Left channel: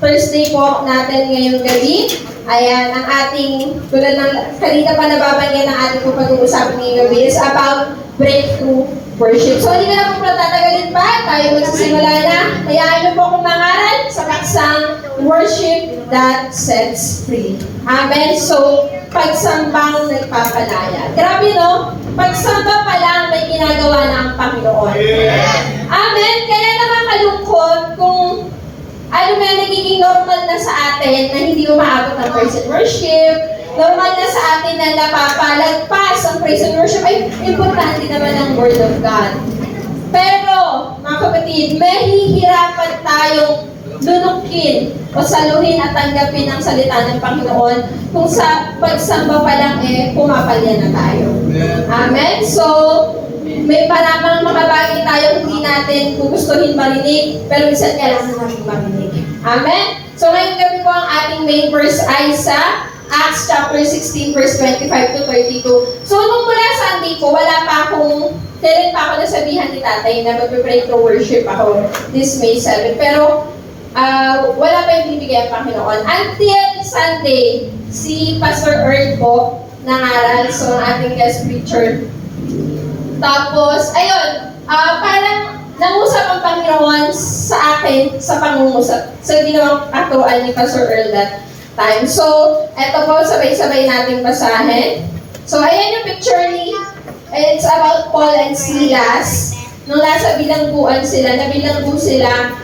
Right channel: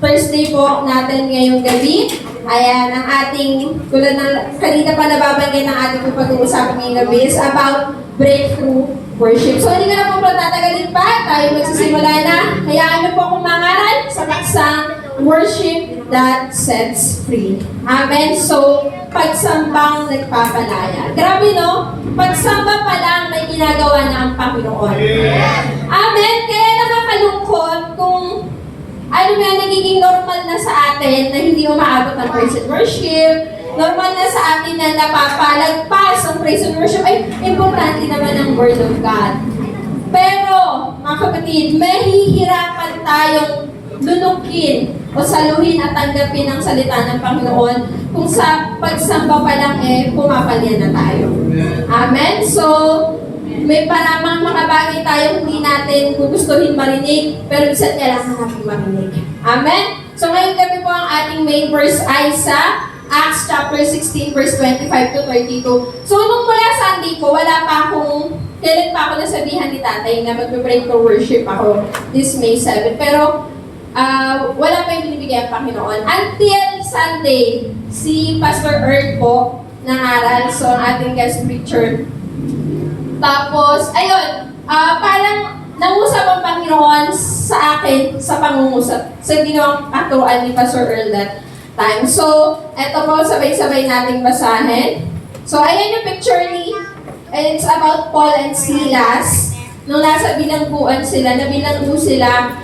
Thursday po natin ngayong gabi. Ayan, ang ating, tulad ng kanina pa nababanggit ng ating po pag-uusapan ngayong gabi is about breakthrough worship. So, hindi ka na po tatagalin pa. Tayo magsisimula na. Hayaan niyo po akong mangaral sa paksang worship that sets free. Amen. So, pagsambang nagpapalaya. Grabe, no? Pagsamba pa lang may ginagawa na ang Panginoon. Amen. Kaya nakakalungkot kung ano ba nagiging normal na sa atin na hindi umaabot ng praise and worship. Normal na sa atin na napapalagpas ang praise and worship. Ay, importante naman ang Word of God. Pero, mga kapatid, mahihirapan tayong lunukin o saluhin at tanggapin ang salita ng Panginoon kung sa pagsamba pa lang pumapalya na tayo. Amen? So, may paramang mga bagay tayo hindi natin gugustuhin marinig, pero minsan kailangan natin marinig. Amen? So, ngayong gabi po ang ating main verse ay sa Acts chapter 16, verse 25 to 32. So, nung mula Sunday po, wala pa akong, kailan pa ako nasabihan ni tatay na mag-break to worship ako this May 7. Pero, wala pa yung binibigay ang Panginoon. Until Sunday, si Pastor Earl po nangaral, so ang ating guest preacher. Tapos, ayun, parang nangusap ang Panginoon sa akin sa pangungusap. Sa ginawang katuruan ni Pastor Earl that time. So, eto po, sabay-sabay nating basahin. So, ayan yung picture ni, it's about Paul and Silas. Nung nasa bilangguan sila, nabilanggo sila,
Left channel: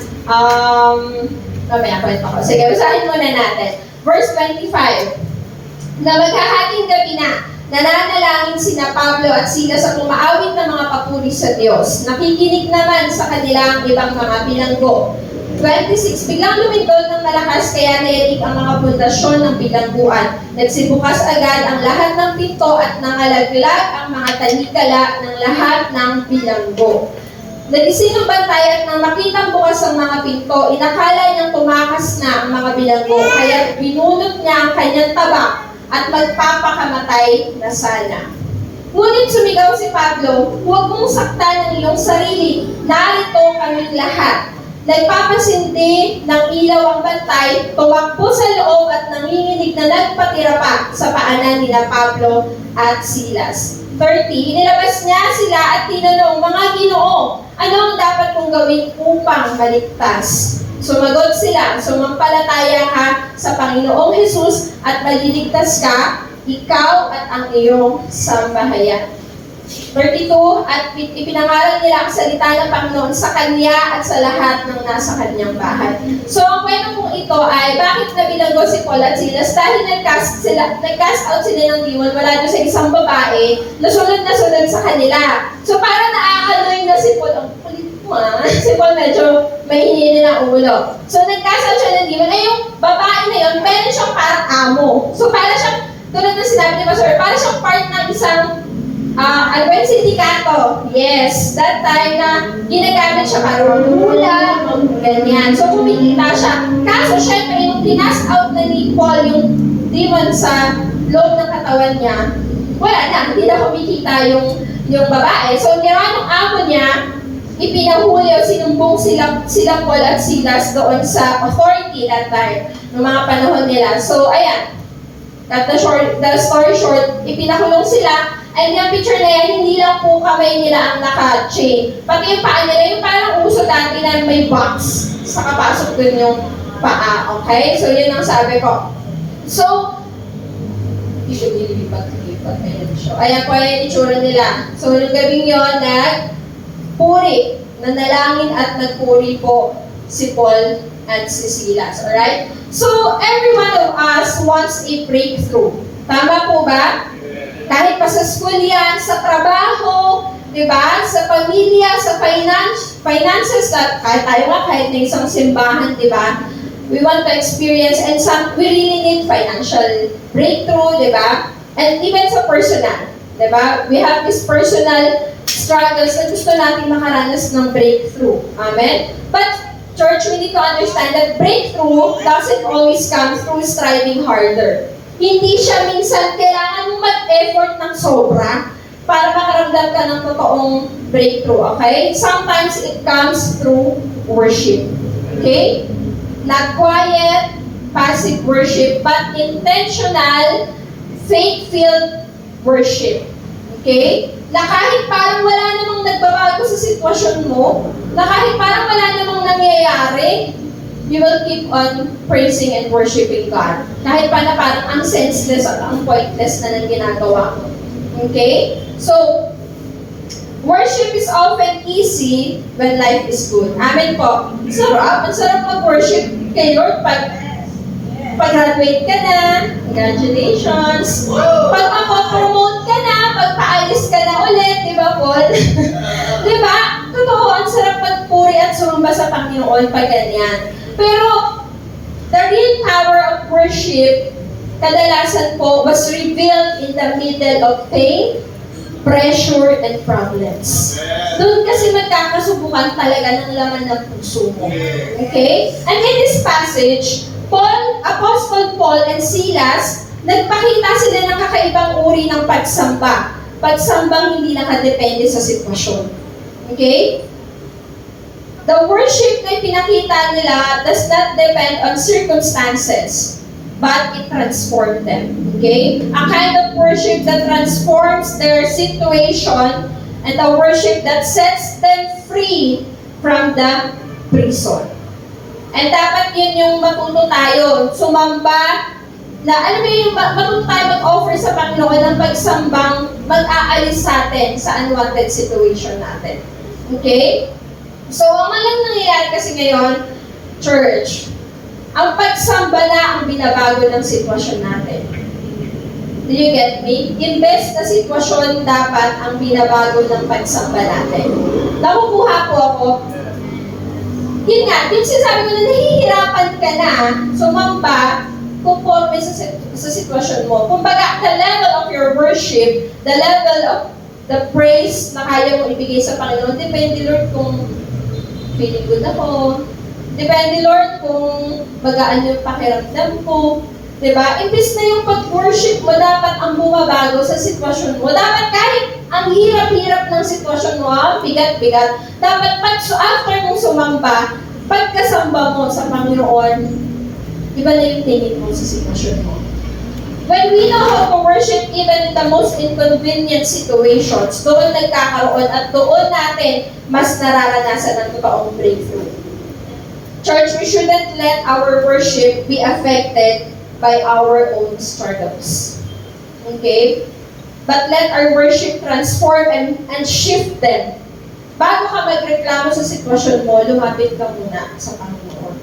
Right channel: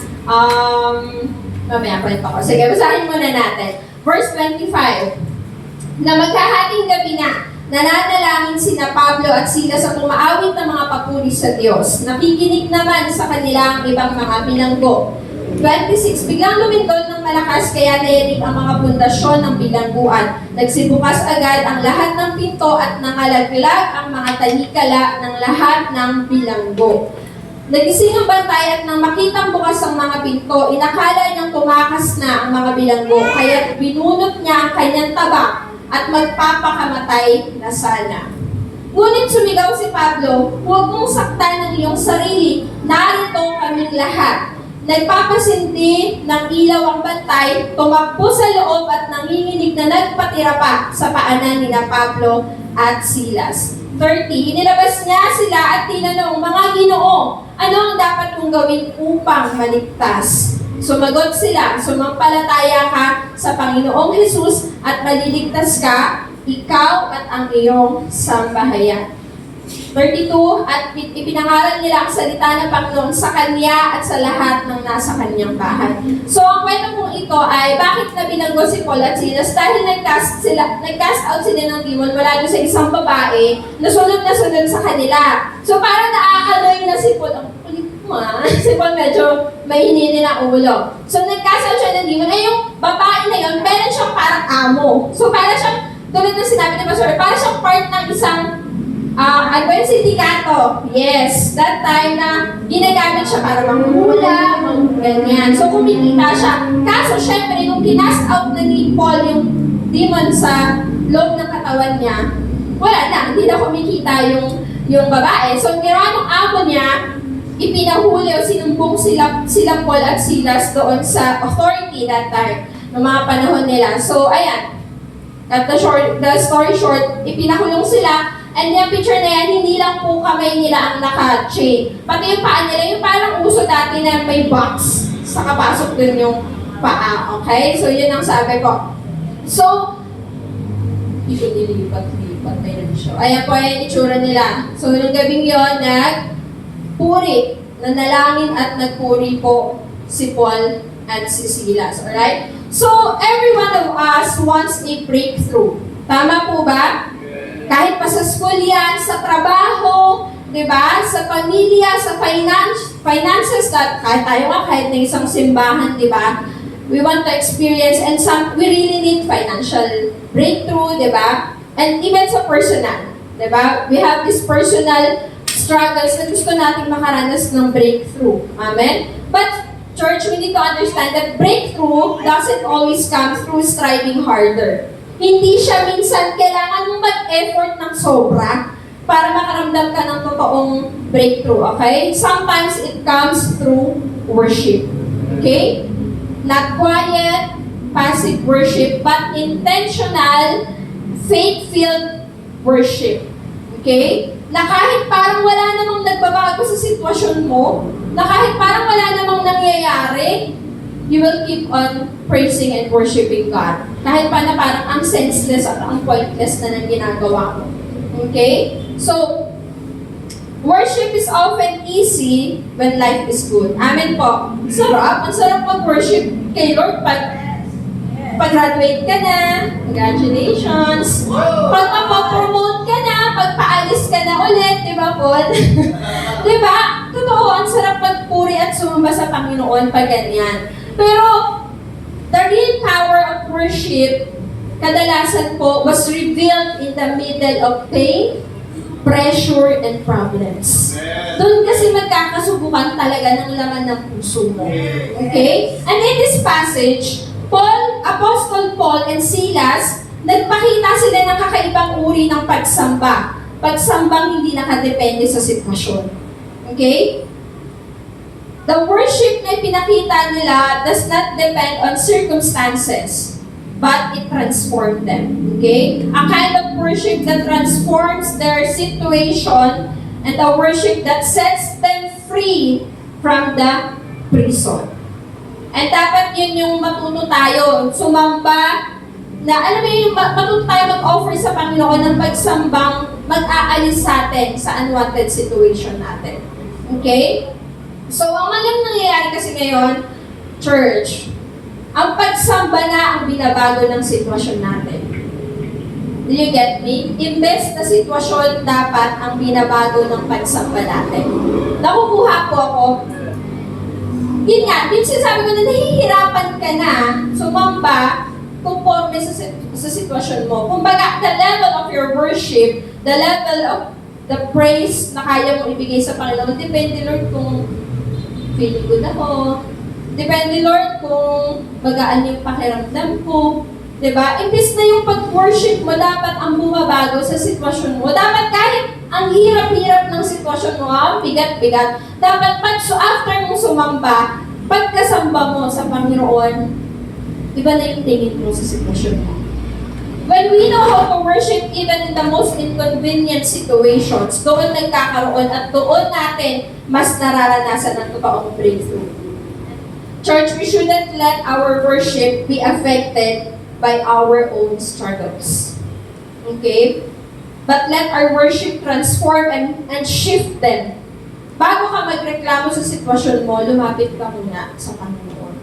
mamaya pa ako. Sige, basahin muna natin. Verse 25. Na maghahating gabi na, nananalangin sina Pablo at Silas sa pumaawit ng mga papuri sa Diyos. Nakikinig naman sa kanila ang ibang mga bilanggo. 26. Biglang lumindol ng malakas kaya nairig ang mga pundasyon ng bilangguan. Nagsibukas agad ang lahat ng pinto at nangalaglag ang mga talikala ng lahat ng bilanggo. Nagising ang bantay at nang makitang bukas ang mga pinto, inakala niyang tumakas na ang mga bilanggo, kaya binunot niya ang kanyang tabak at magpapakamatay na sana. Ngunit sumigaw si Pablo, huwag mong saktan ang iyong sarili, narito kaming lahat. Nagpapasindi ng ilaw ang bantay, tumakbo sa loob at nanginginig na nagpatira pa sa paanan nila Pablo at Silas. 30. Inilabas niya sila at tinanong, mga Ginoo, ano ang dapat kong gawin upang maligtas? Sumagot sila, sumampalataya ka sa Panginoong Hesus at maliligtas ka, ikaw at ang iyong sambahayan. 32. At ipinangalan nila ang salita ng Panginoon sa kanya at sa lahat ng nasa kanyang bahay. So, ang kwento kong ito ay bakit nabilanggo si Paul at Silas? Dahil nag-cast out sila ng demon mula doon sa isang babae na sunod sa kanila. So, parang naaaaloy na si Paul. Ang kulit mo si Paul medyo may hininin ang ulo. So, nag-cast out siya ng demon. Ay, yung babae na yun, meron siyang parang amo. So, parang siyang, tulad na sinabi ni Pastor, parang siyang part ng isang sindikato. Yes, that time na ginagamit siya para manghula, ganyan. So, kumikita siya. Kaso, syempre, nung tinas out na ni Paul yung demon sa loob ng katawan niya, wala na, hindi na kumikita yung babae. So, ginawa ng amo niya, ipinahuli o sinumbong sila Paul at Silas doon sa authority that time, ng mga panahon nila. So, ayan, the story short, ipinakulong sila. And yung picture na yan, hindi lang po kamay nila ang naka-chain. Pati yung paa nila, yung parang uso dati na may box sa kapasok dun yung paa. Okay? So, yun ang sabi ko. So, ililipat. Ayan siya. Ayan po yung itsura nila. So, yung gabing yun, nagpuri. Nanalangin at nagpuri po si Paul at si Silas. Alright? So, every one of us wants a breakthrough. Tama po ba? Kahit pa sa school yan, sa trabaho, diba? Sa pamilya, sa finances, kahit tayo nga, kahit na isang simbahan, diba? We want to experience, and we really need financial breakthrough, diba? And even sa personal, diba? We have this personal struggles na gusto natin makaranas ng breakthrough. Amen? But, church, we need to understand that breakthrough doesn't always come through striving harder. Hindi siya minsan kailangan mong mag-effort ng sobra para makaramdam ka ng totoong breakthrough, okay? Sometimes it comes through worship, okay? Not quiet, passive worship, but intentional, faith-filled worship. Okay? Na kahit parang wala namang nagbabago sa sitwasyon mo, na kahit parang wala namang nangyayari, you will keep on praising and worshiping God. Kahit pa na parang ang senseless at ang pointless na nang ginagawa mo. Okay? So, worship is often easy when life is good. Amen po. Sarap. Ang sarap mag-worship kay Lord pag-graduate ka na. Congratulations. Pag mapopromote ka na, pagpaalis ka na ulit. Di ba, Paul? Di ba? Totoo, ang sarap magpuri at sumamba sa Panginoon pag ganyan. Pero, the real power of worship, kadalasan po, was revealed in the middle of pain, pressure, and problems. Doon kasi magkakasubukan talaga ng laman ng puso mo. Okay? And in this passage, Apostle Paul and Silas, nagpakita sila ng kakaibang uri ng pagsamba. Pagsambang hindi nakadepende sa sitwasyon. Okay? The worship na pinakita nila does not depend on circumstances, but it transformed them. Okay? A kind of worship that transforms their situation and a worship that sets them free from the prison. And dapat yun yung matuto tayo, sumamba, na alam mo yung matuto tayo mag-offer sa Panginoon ng pagsambang mag-aalis sa atin sa unwanted situation natin. Okay? So, ang malang nangyayari kasi ngayon, church, ang pagsamba na ang binabago ng sitwasyon natin. Do you get me? Imbes na sitwasyon dapat ang binabago ng pagsamba natin. Nakukuha po ako. Yun nga, din sinasabi ko na nahihirapan ka na sumamba conforme sa sitwasyon mo. Kumbaga, the level of your worship, the level of the praise na kaya mo ibigay sa Panginoon, depende, Lord, kung feeling good ako. Depende, Lord, kung magaan yung pakiramdam ko. Diba? Imbis na yung pag-worship mo, dapat ang bumabago sa sitwasyon mo. Dapat kahit ang hirap-hirap ng sitwasyon mo, ang bigat-bigat, dapat after mong sumamba, pagkasamba mo sa Panginoon, iba na yung tingin mo sa sitwasyon mo. When we know how to worship even in the most inconvenient situations, doon nagkakaroon at doon natin mas nararanasan ang totoong breakthrough. Church, we shouldn't let our worship be affected by our own struggles. Okay? But let our worship transform and shift them. Bago ka magreklamo sa sitwasyon mo, lumapit ka muna sa Panginoon.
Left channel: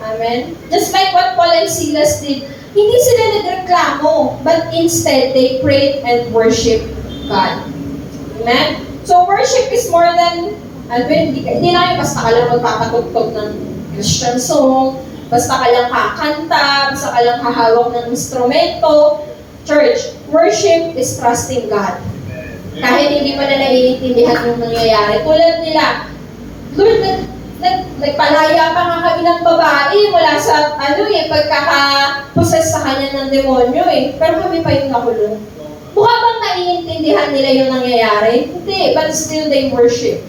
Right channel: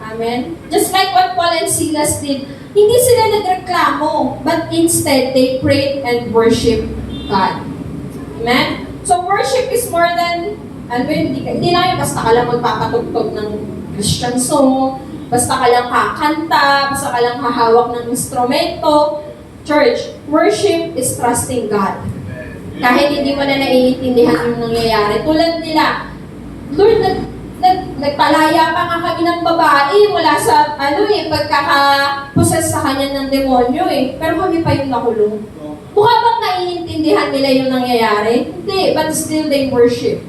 Amen? Just like what Paul and Silas did, hindi sila nagreklamo, but instead, they prayed and worshiped God. Amen? So, worship is more than, hindi lang yung basta ka lang magpapatugtog ng Christian song, basta ka lang kakanta, basta ka lang hahawak ng instrumento. Church, worship is trusting God. Kahit hindi mo na naiintindihan yung nangyayari. Tulad nila, Lord, nagpalaya pa nga kami ng babae mula sa, pagkakaposes sa kanya ng demonyo Pero kami pa yung nakulong. Mukha bang naiintindihan nila yung nangyayari? Hindi, but still they worship.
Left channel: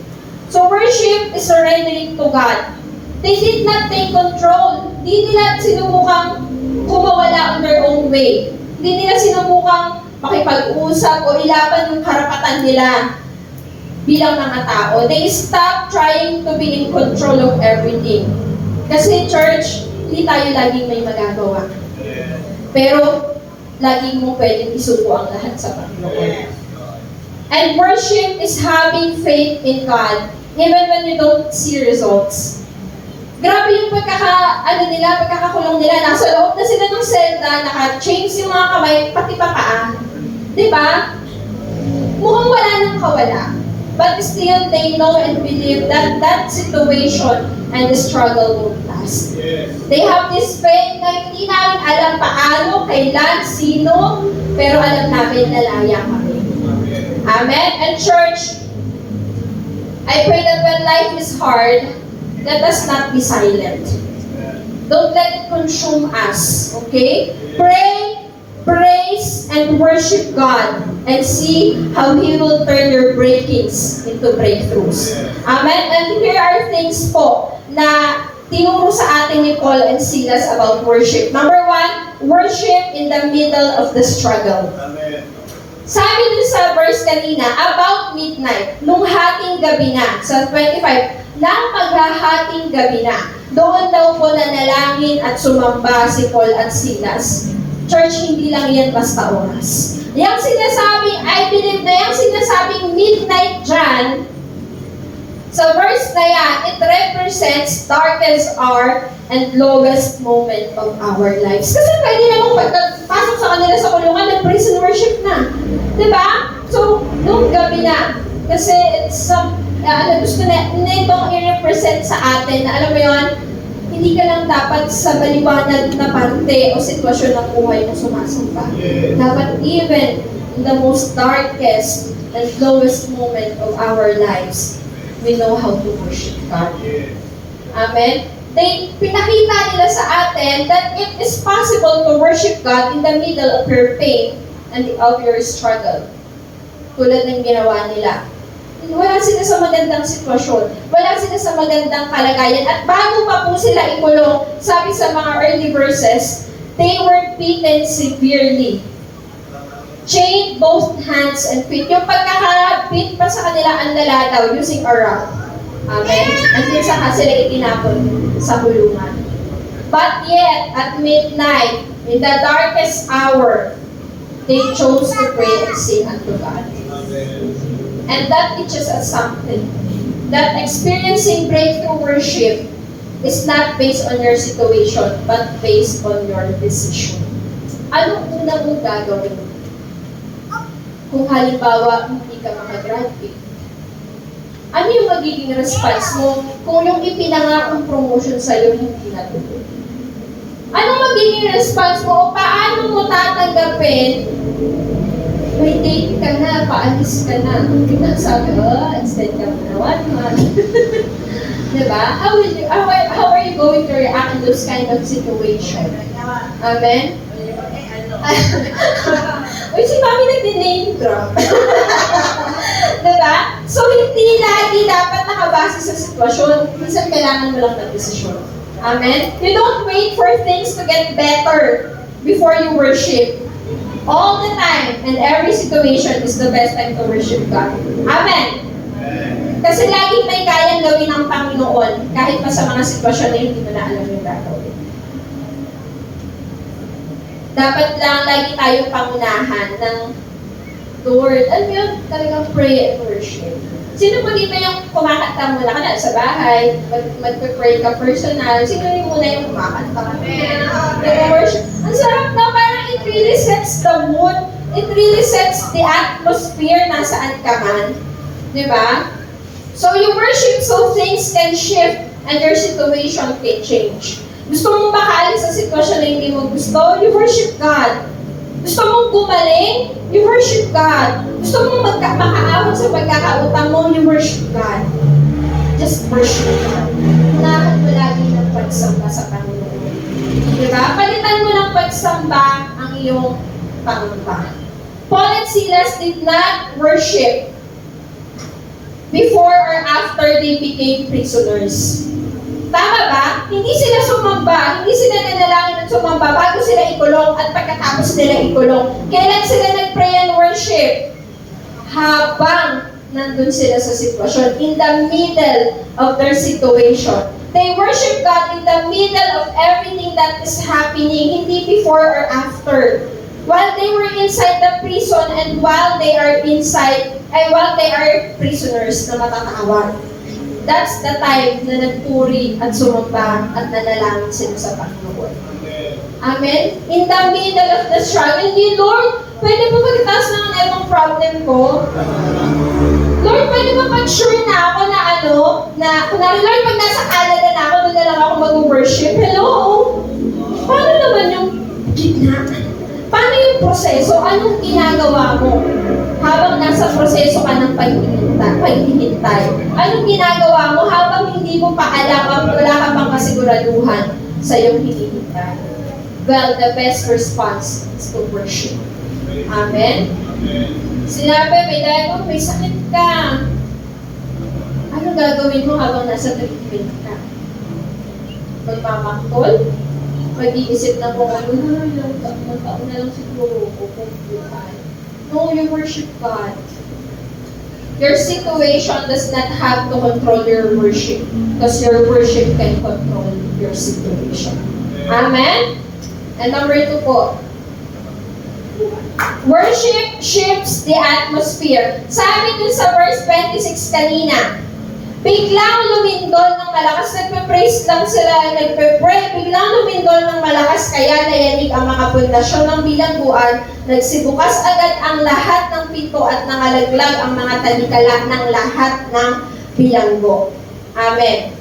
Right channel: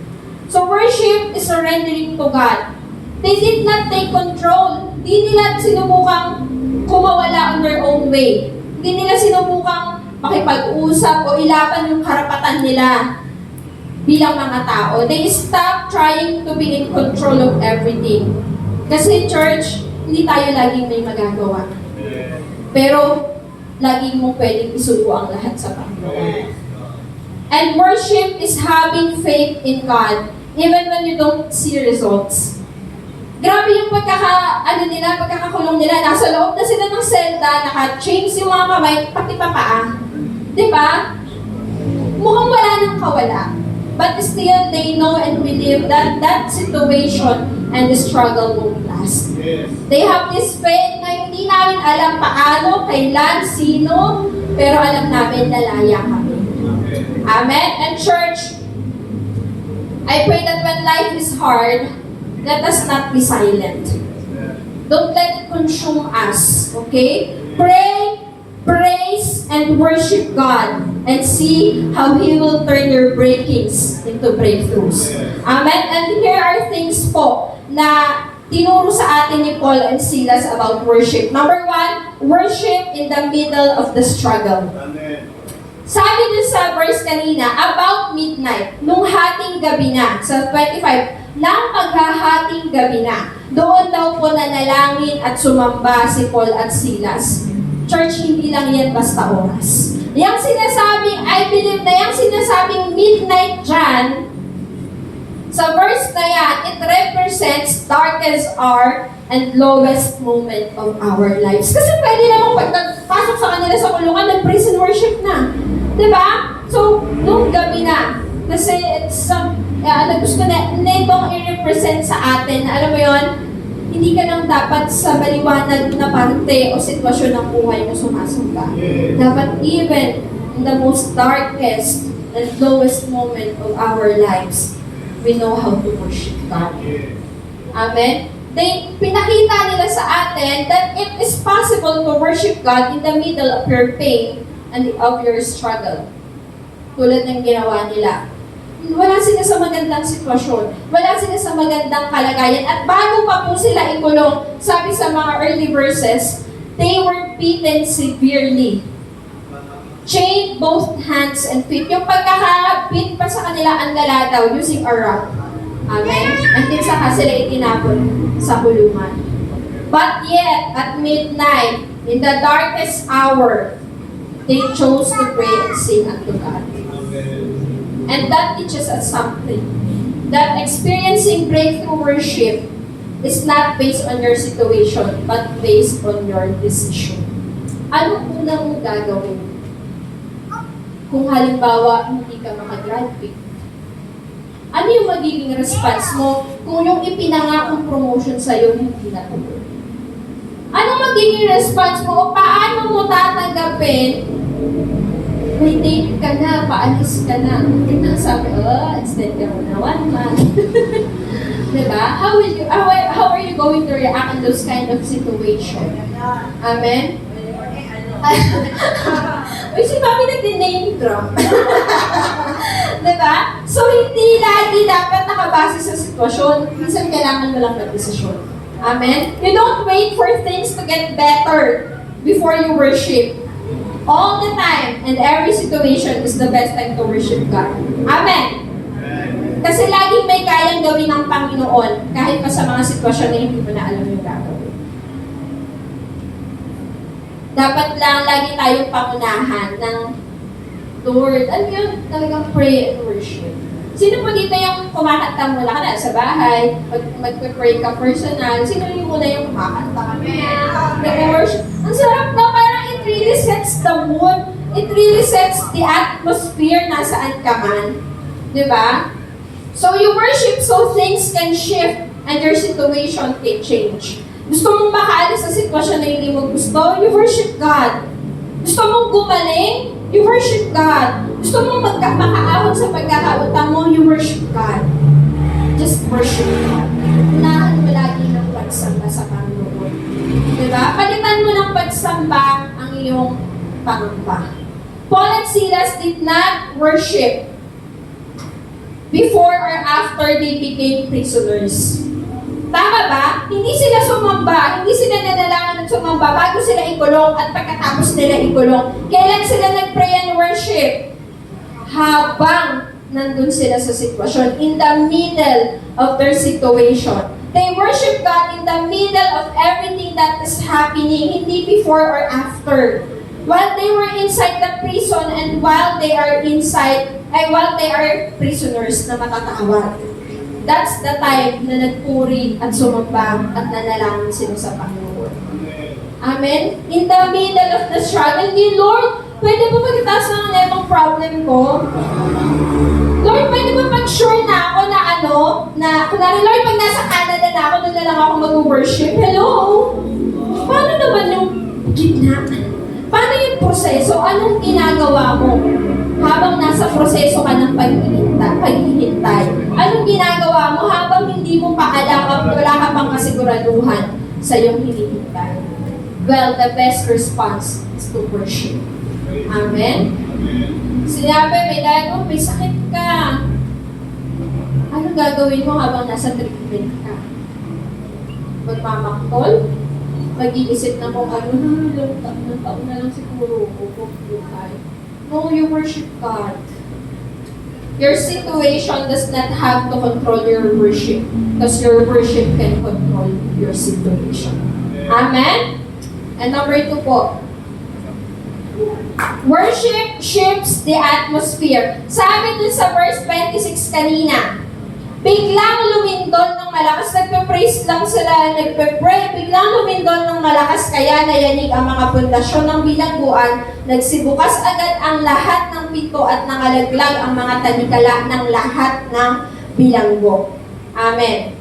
So worship is surrendering to God. They did not take control. Hindi nila sinubukang kumawala on their own way. Hindi nila sinubukang makipag-usap o ilaban yung karapatan nila bilang mga tao. They stopped trying to be in control of everything. Kasi church, hindi tayo laging may magagawa. Pero, laging mo pwedeng isuko ang lahat sa Panginoon. And worship is having faith in God, even when you don't see results. Grabe yung pagkakakulong nila. Nasa loob na sila ng selda, naka-chains yung mga kamay, pati pa paa. Diba? Mukhang wala nang kawala. But still, they know and believe that that situation and the struggle won't last. Yes. They have this faith na hindi namin alam paano, kailan, sino, pero alam namin lalaya kami. Amen? And church, I pray that when life is hard, let us not be silent. Don't let it consume us. Okay? Pray, praise, and worship God and see how He will turn your breakings into breakthroughs. Amen? And here are things po na tinuro sa atin ni Paul and Silas about worship. Number one, worship in the middle of the struggle. Amen. Sabi dun sa verse kanina, about midnight, nung hating gabi na, sa 25, nang maghahating gabi na, doon daw po nanalangin at sumamba si Paul at Silas. Church, hindi lang yan basta oras. Yang sinasabing, I believe na yung sinasabing midnight dyan, sa verse na yan, it represents darkest hour and lowest moment of our lives. Kasi pwede namang pagpasok sa kanila sa kulungan, nag-praise and worship na. Diba? So, nung gabi na, kasi it's some, gusto na ibang i-represent sa atin na alam mo yon, hindi ka lang dapat sa baliwanag na parte o sitwasyon ng buhay mo sumasamba. Dapat even in the most darkest and lowest moment of our lives, we know how to worship God. Amen? Pinakita nila sa atin that it is possible to worship God in the middle of your pain and of your struggle. Tulad ng ginawa nila. Wala sila sa magandang sitwasyon. Wala sila sa magandang kalagayan. At bago pa po sila ikulong, sabi sa mga early verses, they were beaten severely. Chained both hands and feet. Yung pagkakabit pa sa kanila ang laladaw using a rock. Amen? Until saka sila itinapon sa kulungan. But yet, at midnight, in the darkest hour, they chose to pray and sing unto God. And that teaches us something. That experiencing breakthrough worship is not based on your situation, but based on your decision. Ano unang mong gagawin? Kung halimbawa, hindi ka makagraduate. Ano yung magiging response mo kung yung ipinangakong promotion sa'yo hindi natuloy? Anong magiging response mo o paano mo tatanggapin? May date ka na, paalis ka na. Tignan sabi, extend ka mo na 1 month. Diba? How are you going to react in those kind of situation? Amen? Uy, si Mami nag-name drop. Diba? So, hindi lagi dapat nakabase sa sitwasyon. Minsan kailangan mo lang ng desisyon. Amen? You don't wait for things to get better before you worship. All the time and every situation is the best time to worship God. Amen? Kasi laging may kayang gawin ng Panginoon kahit pa sa mga sitwasyon na hindi mo na alam yung gagawin. Dapat lang lagi tayong pangunahan ng Lord. Ano yun? Talagang pray and worship. Sino mo dito yung kumakanta muna ka na sa bahay, mag-pray ka personal, sino yung muna yung kumakanta ka? Yung worship. Ang sarap na parang it really sets the mood. It really sets the atmosphere na saan ka man. Diba? So you worship so things can shift and your situation can change. Gusto mong makaalis sa sitwasyon na hindi mo gusto, you worship God. Gusto mong gumaling, you worship God. Gusto mong makaahon sa pagkakautang mo, you worship God. Just worship God. Unahan mo lagi ng pagsamba sa Panginoon. Diba? Palitan mo ng pagsamba ang iyong pangamba. Paul and Silas did not worship before or after they became prisoners. Tama ba? Hindi sila sumamba, hindi sila nanalangin at sumamba bago sila ikulong at pagkatapos nila ikulong. Kailan sila nag-pray and worship? Habang nandun sila sa sitwasyon, in the middle of their situation. They worship God in the middle of everything that is happening, hindi before or after. While they were inside the prison and while they are prisoners na matatawag. That's the time na nagpuri at sumamba at nanalangin sila sa Panginoon. Amen? In the middle of the struggle, hindi, Lord, pwede ba magtaas ng anong problem ko? Lord, pwede ba pag-sure na ako na kunwari, Lord, pag nasa Canada na ako, doon na lang ako mag-worship. Hello? Paano naman yung gitna? Paano yung proseso? Anong ginagawa mo? Habang nasa proseso ka ng paghihintay. Anong ginagawa mo habang hindi mo pa alam, wala ka pang kasiguraduhan sa iyong hinihintay? Well, the best response is to worship. Amen? Sinabi, may sakit ka. Anong gagawin mo habang nasa treatment ka? magmamaktol, mag-iisip na kung ano, ilang taon na lang siguro, o tayo. No, you worship God. Your situation does not have to control your worship because your worship can control your situation. Amen? And number 2 po, worship shifts the atmosphere. Sabi dun sa verse 26 kanina, biglang lumindol ng malakas, nagpe-praise lang sila, nagpe-pray, biglang lumindol ng malakas, kaya nayanig ang mga pundasyon ng bilangguan, nagsibukas agad ang lahat ng pinto at nangalaglag ang mga talikala ng lahat ng bilanggo. Amen.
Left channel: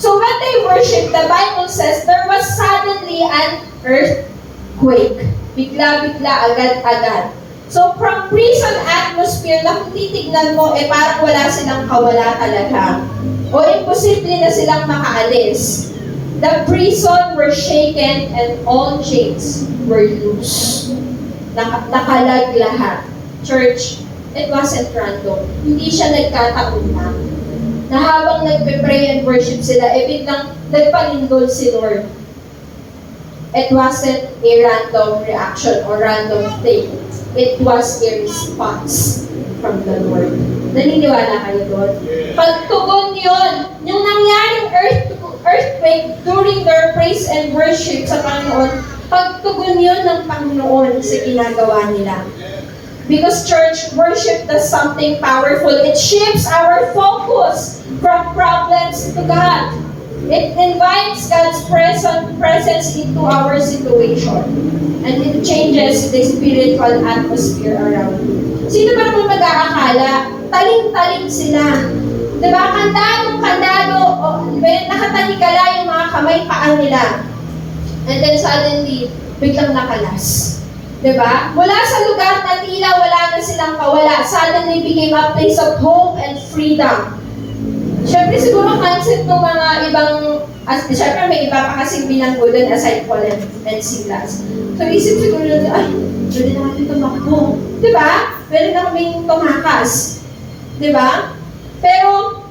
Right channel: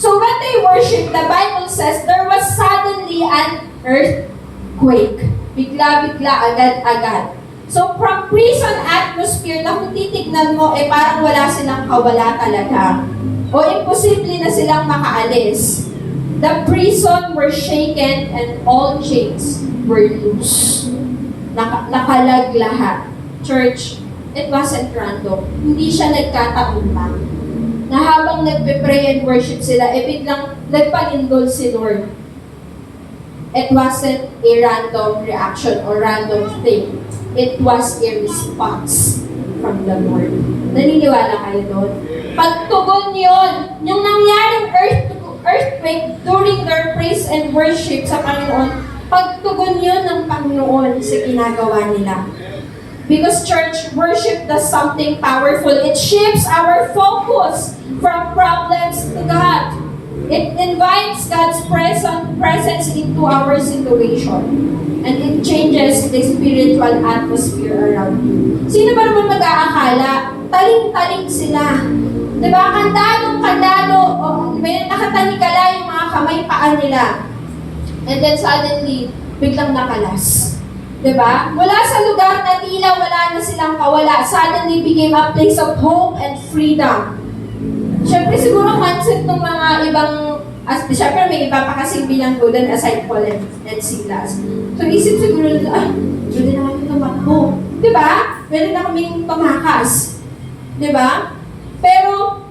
So when they worship, the Bible says, there was suddenly an earthquake. Bigla-bigla, agad-agad. So from prison atmosphere na kung titignan mo, parang wala silang kawala talaga. O imposible na silang makaalis. The prison were shaken and all chains were loose. Nakalag lahat. Church, it wasn't random. Hindi siya nagkataon lang. Na habang nagpe-pray and worship sila, biglang nagpanindol si Lord. It wasn't a random reaction or random thing. It was a response from the Lord. Naniniwala kayo doon? Pagtugon yon, yung nangyaring earthquake during their praise and worship sa Panginoon, pagtugon yon ng Panginoon sa ginagawa nila. Because church worship does something powerful. It shifts our focus from problems to God. It invites God's presence into our situation. And it changes the spiritual atmosphere around you. Sino ba naman mag-aakala? Taling-taling sila. Diba? Kandado, nakatanikala yung mga kamay paan nila. And then suddenly, biglang nakalas. Diba? Mula sa lugar na tila wala na silang kawala, suddenly became a place of hope and freedom. Siyempre siguro concept ng mga ibang, siyempre may iba pa kasing bilanggo doon aside Paul and Silas. So isip siguro na, ay, pwede na kami tumakbo. Diba? Pwede na kaming tumakas. Diba? Pero,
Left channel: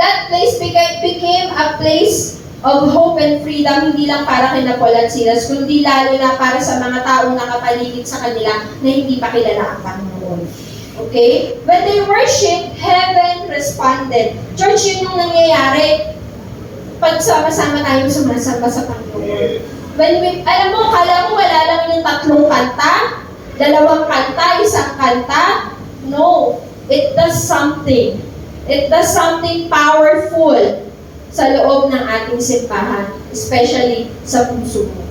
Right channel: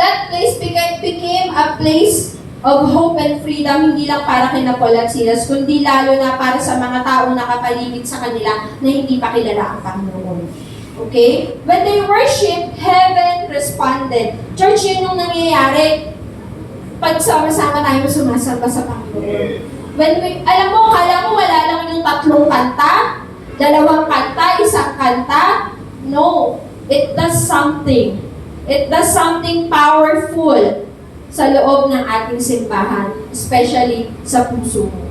that place became a place of hope and freedom, hindi lang para kina Paul at Silas, kundi lalo na para sa mga taong nakapaligid sa kanila na hindi pa kilala ang Panginoon. Okay? When they worship, heaven responded. Church, yun yung nangyayari pag sama-sama tayo sumasamba sa Panginoon. Alam mo, kala mo wala lang yung 3 kanta, 2 kanta, 1 kanta. No. It does something. It does something powerful sa loob ng ating simbahan, especially sa puso mo.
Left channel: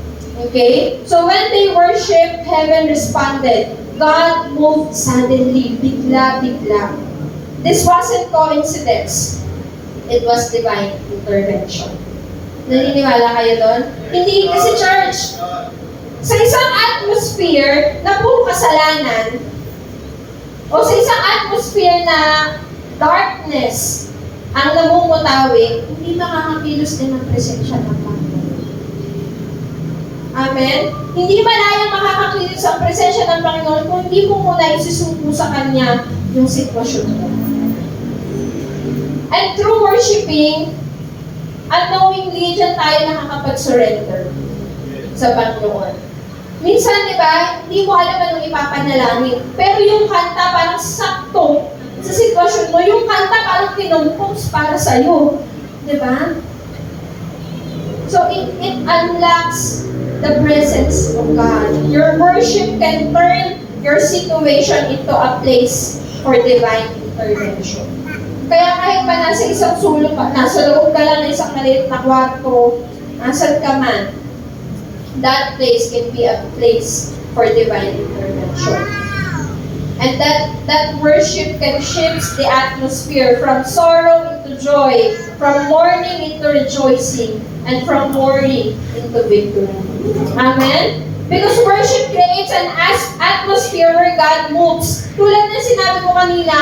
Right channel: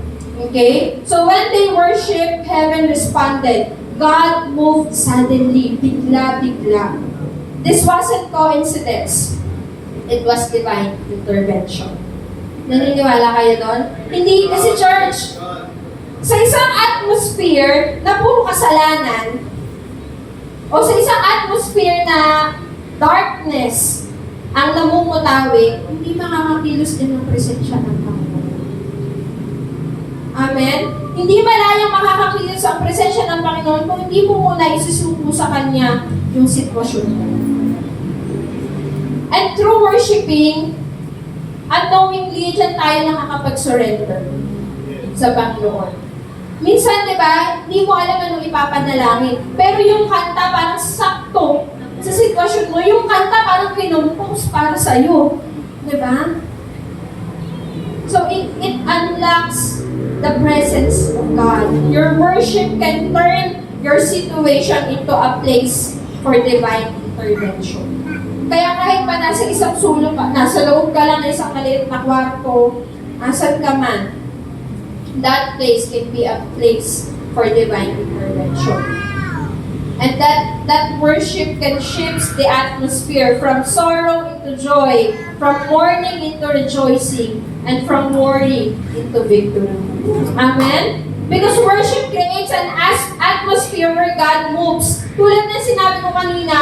Okay? So when they worship, heaven responded. God moved suddenly, bigla-bigla. This wasn't coincidence. It was divine intervention. Naniniwala kayo doon? Hindi kasi church, sa isang atmosphere na puro kasalanan, o sa isang atmosphere na darkness ang namumutawi, hindi makakakilos din ang presensya ng Panginoon. Amen? Hindi malayang makakakilos ang presensya ng Panginoon kung hindi mo muna isusuko sa Kanya yung sitwasyon mo. And through worshiping, unknowingly, dyan tayo nakakapag-surrender sa Panginoon. Minsan, di ba, hindi mo alam anong ipapanalangin. Pero yung kanta parang sakto sa sitwasyon mo. Yung kanta parang pinumpos para sa'yo. Di ba? So, it unlocks the presence of God. Your worship can turn your situation into a place for divine intervention. Kaya kahit pa nasa isang sulok, nasa loob ka lang ng isang maliit na kwarto, nasan ka man, that place can be a place for divine intervention. And that worship can shift the atmosphere from sorrow into joy, from mourning into rejoicing, and from worry into victory. Amen? Because worship creates an atmosphere where God moves. Tulad ng sinabi ko kanina,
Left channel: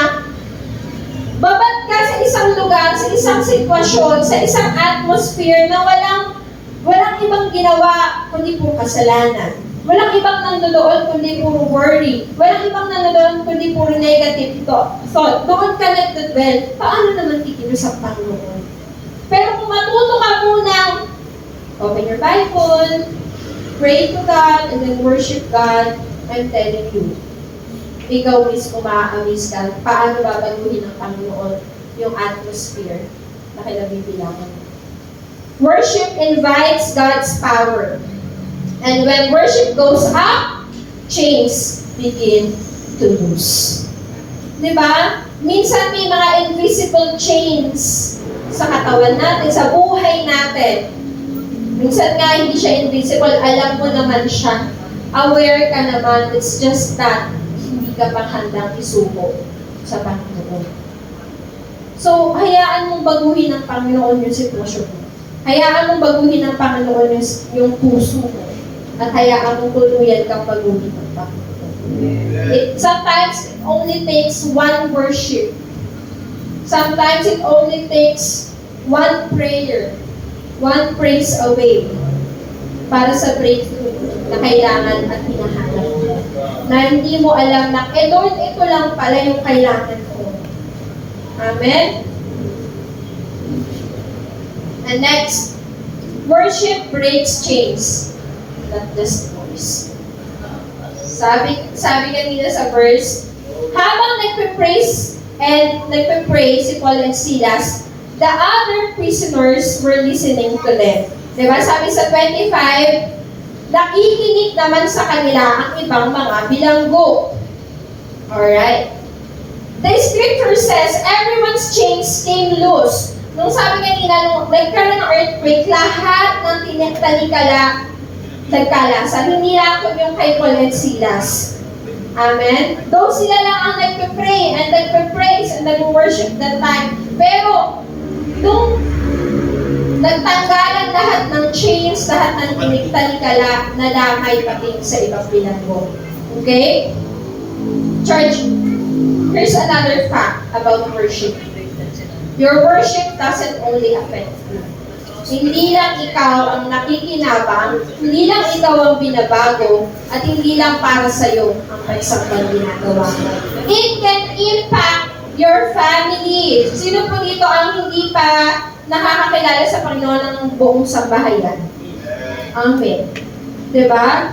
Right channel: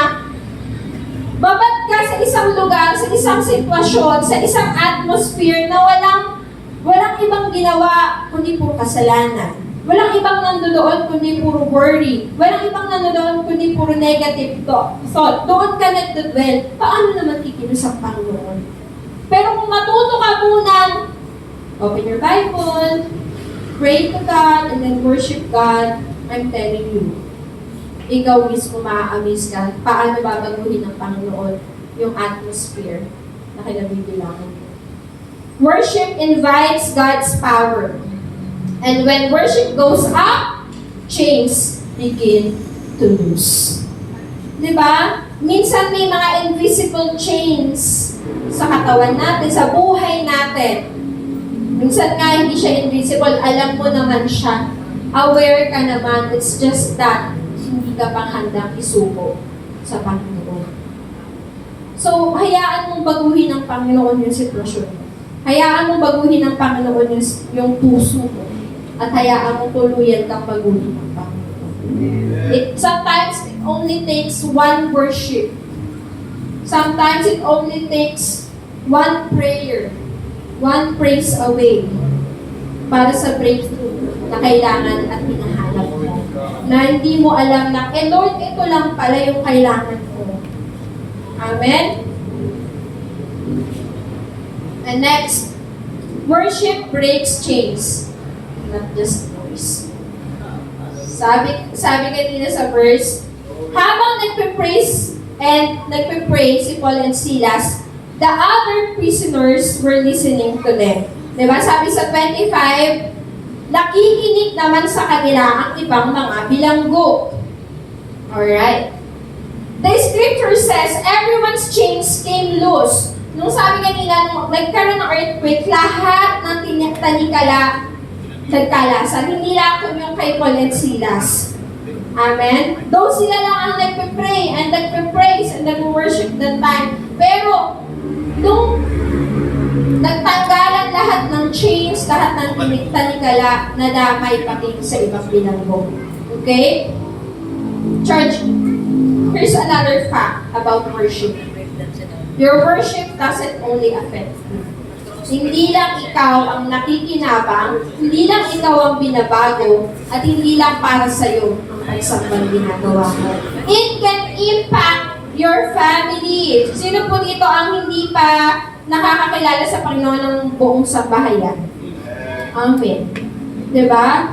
babat ka sa isang lugar, sa isang sitwasyon, sa isang atmosphere na walang ibang ginawa kundi puro kasalanan. Walang ibang nandoon kundi puro worry. Walang ibang nandoon kundi puro negative thought. Doon ka nagdudwell. Paano naman kikilos ang Panginoon? Pero kung matuto ka munang Open your Bible, pray to God, and then worship God. I'm telling you, ikaw mismo maa-amaze ka. Paano babaguhin ng Panginoon yung atmosphere na kinabibilangan? Worship invites God's power. And when worship goes up, chains begin to loose. Diba? Minsan may mga invisible chains sa katawan natin, sa buhay natin. Minsan nga hindi siya invisible, alam mo naman siya. Aware ka naman, it's just that hindi ka pang handang isuko sa Panginoon. So, hayaan mong baguhin ng Panginoon yung sitwasyon mo. Hayaan mong baguhin ng Panginoon yung puso mo. At hayaan mong tuluyan kang baguhin ng Panginoon. Sometimes it only takes one worship. Sometimes it only takes one prayer, one praise away para sa breakthrough na kailangan at hinahanap mo. Na hindi mo alam na, Lord, ito lang pala yung kailangan ko. Amen? And next, worship breaks chains, not just voice. Sabi kanina sa verse, habang nagpe-praise si Paul and Silas, the other prisoners were listening to them. Diba? Sabi sa 25, nakikinig naman sa kanila ang ibang mga bilanggo. Alright? The scripture says, everyone's chains came loose. Nung sabi kanina, nung nagkaroon ng earthquake, lahat ng tanikala nagkalasan. Hindi lang kung yung kay Paul and Silas. Amen? Though sila lang ang nagpe-pray and nagpe-praise and nag-worship that time. Pero, nung nagtanggalan lahat ng chains, lahat ng tanikala, nadamay pati sa ibang bilanggo. Okay? Church, here's another fact about worship. Your worship doesn't only affect you. Hindi lang ikaw ang nakikinabang, hindi lang ikaw ang binabago, at hindi lang para sa'yo ang pagsambang ginagawa mo. It can impact your family. Sino po dito ang hindi pa nakakakilala sa Panginoon ng buong sambahayan? Amen. Diba?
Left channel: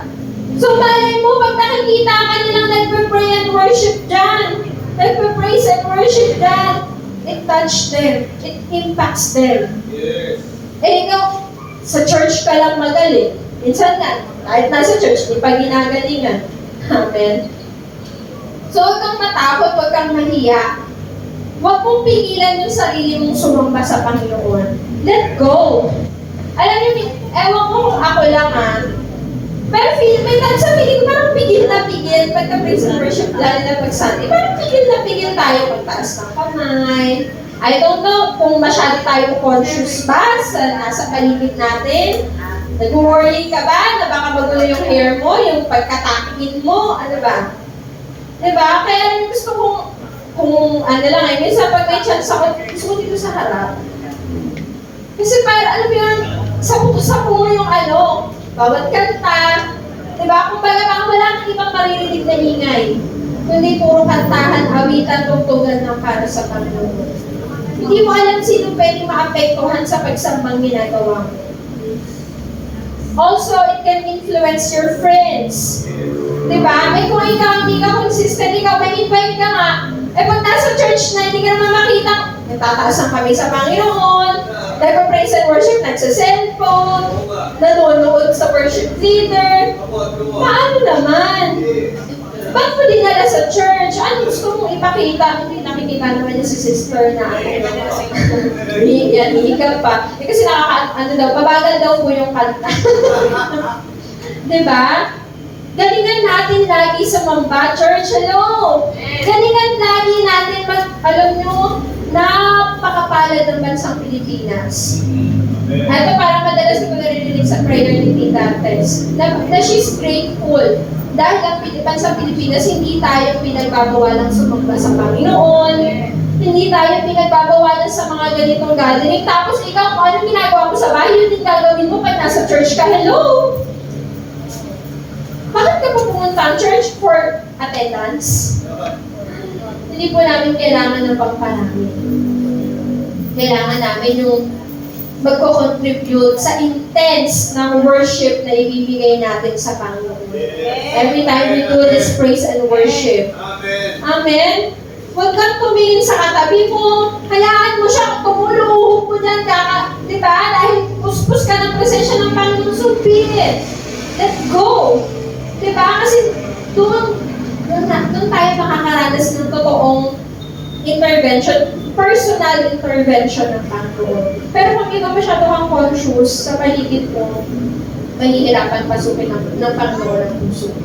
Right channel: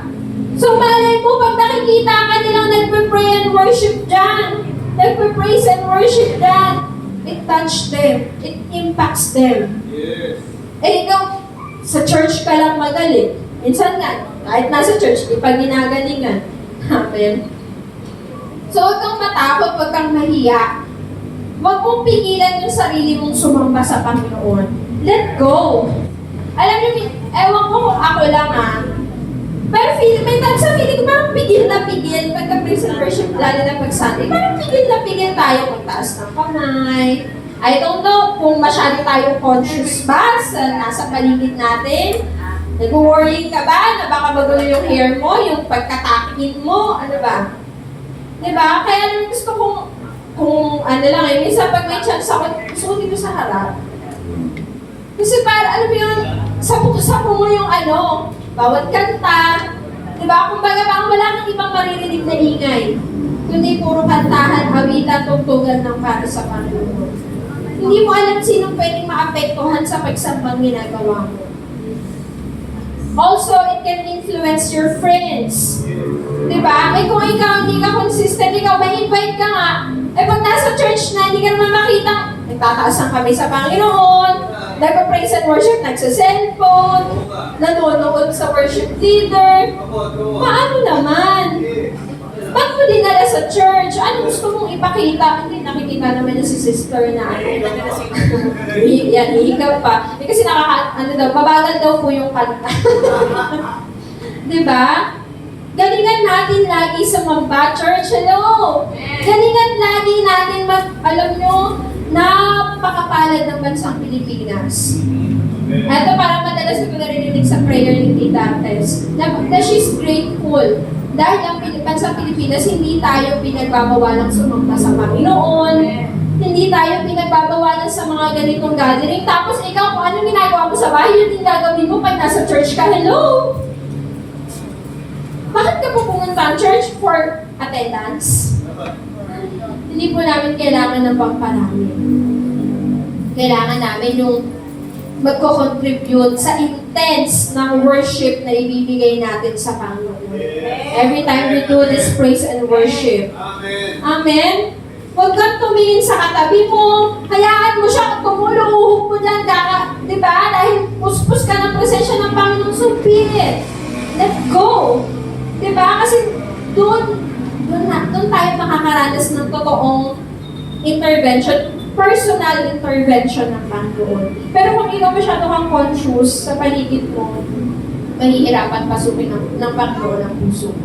So malay mo, pag nakikita ka nilang nagpe-pray and worship dyan, nagpe-praise and worship dyan, it touched them. It impacts them. Yes. Ikaw, sa church ka lang magaling. Minsan nga, kahit nasa church, di pa ginagalingan. Amen. So, huwag kang matakot, huwag kang mahiya. Huwag mong pigilan yung sarili mong sumamba sa Panginoon. Let go. Alam niyo, ewan ko kung ako lang pero may time sa feeling ko, parang pigil na pigil. Pagka-praise and worship, lalo na pag-Sunday, parang pigil na pigil tayo magtaas ng kamay. I don't know kung masyado tayong conscious ba sa nasa paligid natin. Nag-worry ka ba na baka magulo yung hair mo, yung pagkatakin mo, ano ba? Diba? Kaya gusto kung ano lang minsan pag may chance ako, gusto ko dito sa harap. Kasi parang, alam mo yun, sapo mo yung bawat kanta. Diba? Kung baga baka wala kang ibang maririnig na ingay. Kundi puro kantahan, awitan, tugtugan ng para sa Panginoon. Hindi mo alam sino pwedeng maapektuhan sa pagsambang ginagawa mo. Also, it can influence your friends. Diba? Kung ikaw hindi ka consistent, ikaw ma-invite ka nga. Pag nasa church na, hindi ka naman makita, nagtataas ang kami sa Panginoon, nagpa-praise and worship, nagsa-cellphone, nanonood sa worship leader. Paano naman? Ba't mo dinala sa church? Ano gusto mong ipakita? Hindi nakikita naman na si sister na yan, hihikap pa. Kasi babagal daw po yung kanta. Diba? Galingan natin lagi sa Mamba Church. Hello! Galingan lagi natin alam nyo, napakapalad ng bansang Pilipinas. Ito parang madalas ko narinig sa prayer ni Tita Tess, na she's grateful. Dahil ang bansang Pilipinas, hindi tayo pinagbabawalan sumamba sa Panginoon, hindi tayo pinagbabawalan sa mga ganitong gathering. Tapos ikaw, kung anong ginagawa mo sa bahay, yun din gagawin mo pag nasa church ka. Hello! Bakit ka po pumunta ang church for attendance? Hindi po namin kailangan ng pamparami. Kailangan namin yung magko-contribute sa intense ng worship na ibibigay natin sa Panginoon. Every time we do this praise and worship. Amen? Huwag kang tumingin sa katabi mo, hayaan mo siya, tumuluhog mo dyan, di ba? Dahil puspos ka ng presensya ng Panginoon, so be it. Let go. Di ba? Kasi doon tayo makakaranas ng totoong intervention, personal intervention ng Panginoon. Pero kung ikaw masyado kang conscious sa paligid mo, mahihirapan pasukin ng Panginoon ang puso.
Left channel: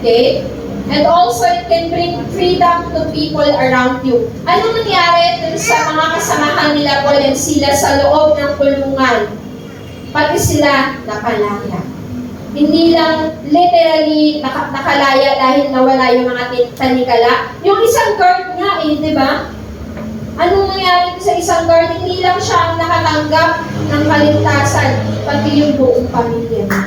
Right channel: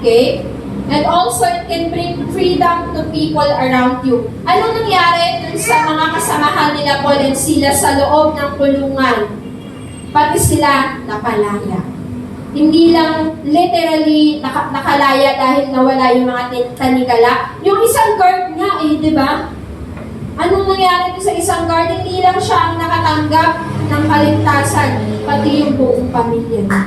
Okay? And also, it can bring freedom to people around you. Anong nangyari dun sa mga kasamahan nila Paul and Silas sa loob ng kulungan? Pati sila napalaya. Hindi lang literally nakalaya dahil nawala yung mga tanikala. Yung isang guard nga di ba? Anong nangyari sa isang guard? Hindi lang siya ang nakatanggap ng kaligtasan, pati yung buong pamilya niya.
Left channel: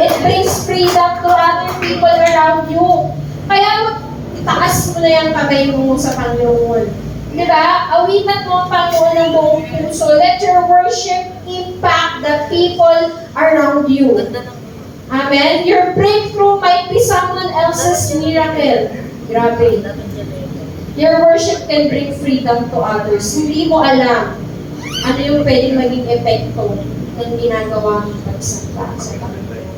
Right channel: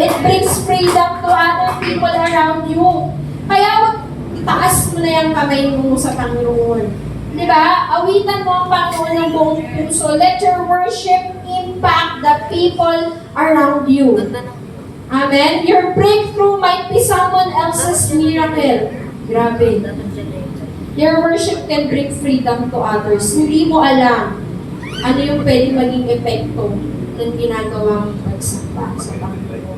It brings freedom to other people around you. Kaya itaas mo na yung kamay mo sa Panginoon. Di ba? Awitan mo ang Panginoon ng buong puso. Let your worship impact the people around you. Amen? Your breakthrough might be someone else's miracle. Grabe. Your worship can bring freedom to others. Hindi mo alam ano yung pwedeng maging epekto ng ginagawa mong pagsamba sa Panginoon.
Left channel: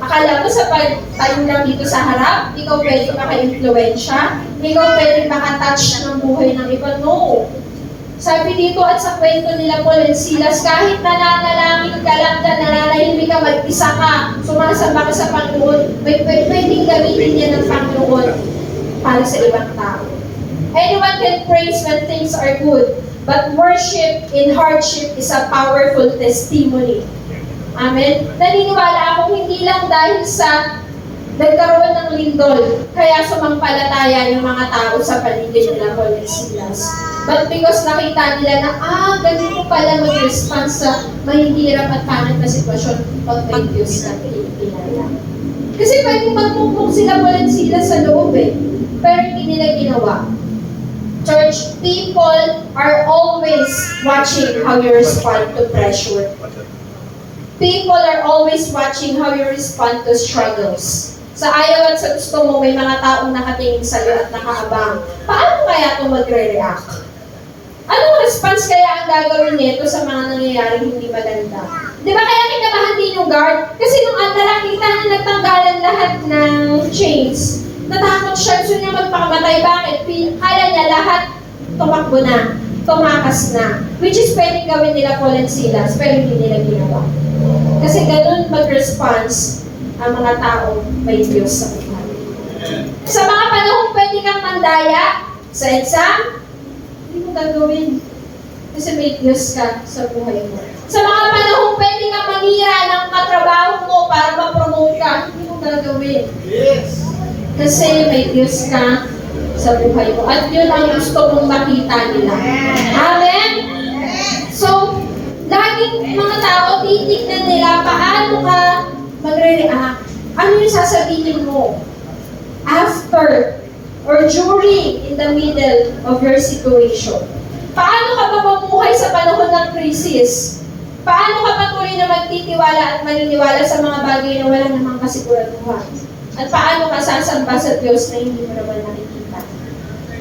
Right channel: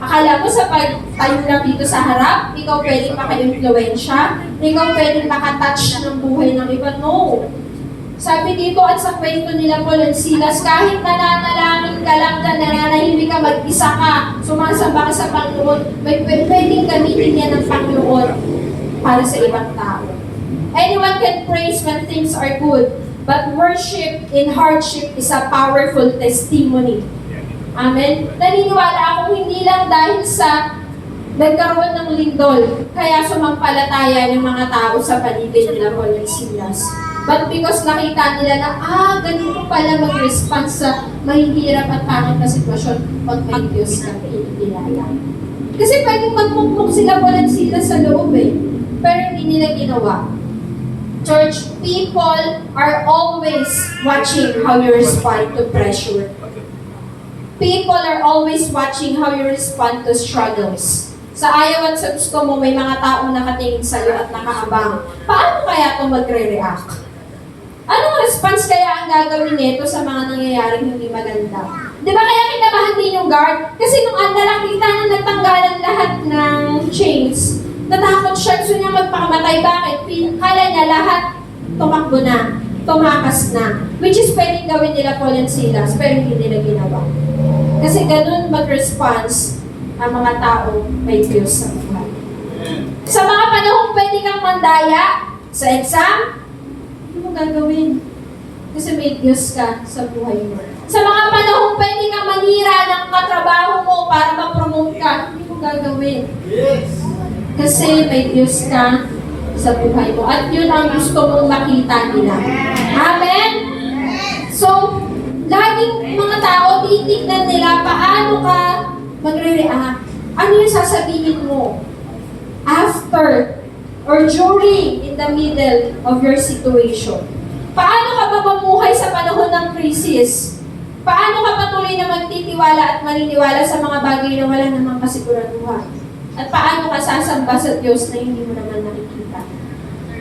Akala mo sa pagtayo lang dito sa harap, ikaw pwedeng maka-influensya, ikaw pwedeng makatouch ng buhay ng iba. No. Sabi dito at sa kwento nila Paul and Silas, kahit nananalangin ka lang dyan, nananahimik ka, mag-isa ka, sumasamba ka sa Panginoon, pwedeng gamitin niya ng Panginoon para sa ibang tao. Anyone can praise when things are good, but worship in hardship is a powerful testimony. Amen? Naniniwala ako hindi lang dahil sa nagkaroon ng lindol, kaya sumampalataya yung mga tao sa paligid nila Paul and Silas. But because nakita nila na, ganito pala mag-respond sa mahihirap at pangit na sitwasyon pag may Diyos na pinilala. Kasi pwedeng magmukmuk sila Paul and Silas sa loob pero hindi nila ginawa. Church, people are always watching how you respond to pressure. People are always watching how you respond to struggles. Sa ayaw at sa gusto mo, may mga taong nakatingin sa iyo at nakaabang. Paano kaya ito magre-react? Anong response kaya ang gagawin nito sa mga nangyayaring hindi maganda? Di ba kaya kinamahan din yung guard? Kasi nung nakita na nagtanggalan lahat ng chains, natakot siya, gusto niya magpakamatay. Bakit? Kala niya lahat tumakbo na, tumakas na. Which is pwedeng gawin nila Paul and Silas, pero hindi nila ginawa. Kasi ganun mag-response ang mga tao may Diyos sa buhay. Sa mga panahon pwede kang mandaya sa exam, hindi mo gagawin. Kasi may Diyos ka sa buhay mo. Sa mga panahon pwede kang manira ng katrabaho mo para ma-promote ka, hindi mo gagawin. Yes. Kasi may Diyos ka sa buhay mo. At yun ang gusto mong makita nila. Amen? So, laging mga tao, titignan nila paano ka magre-react. Ano yung sasabihin mo? After or during in the middle of your situation. Paano ka mapamuhay sa panahon ng krisis? Paano ka patuloy na magtitiwala at maniniwala sa mga bagay na wala namang kasiguraduhan? At paano ka sasamba sa Diyos na hindi mo naman nakikita?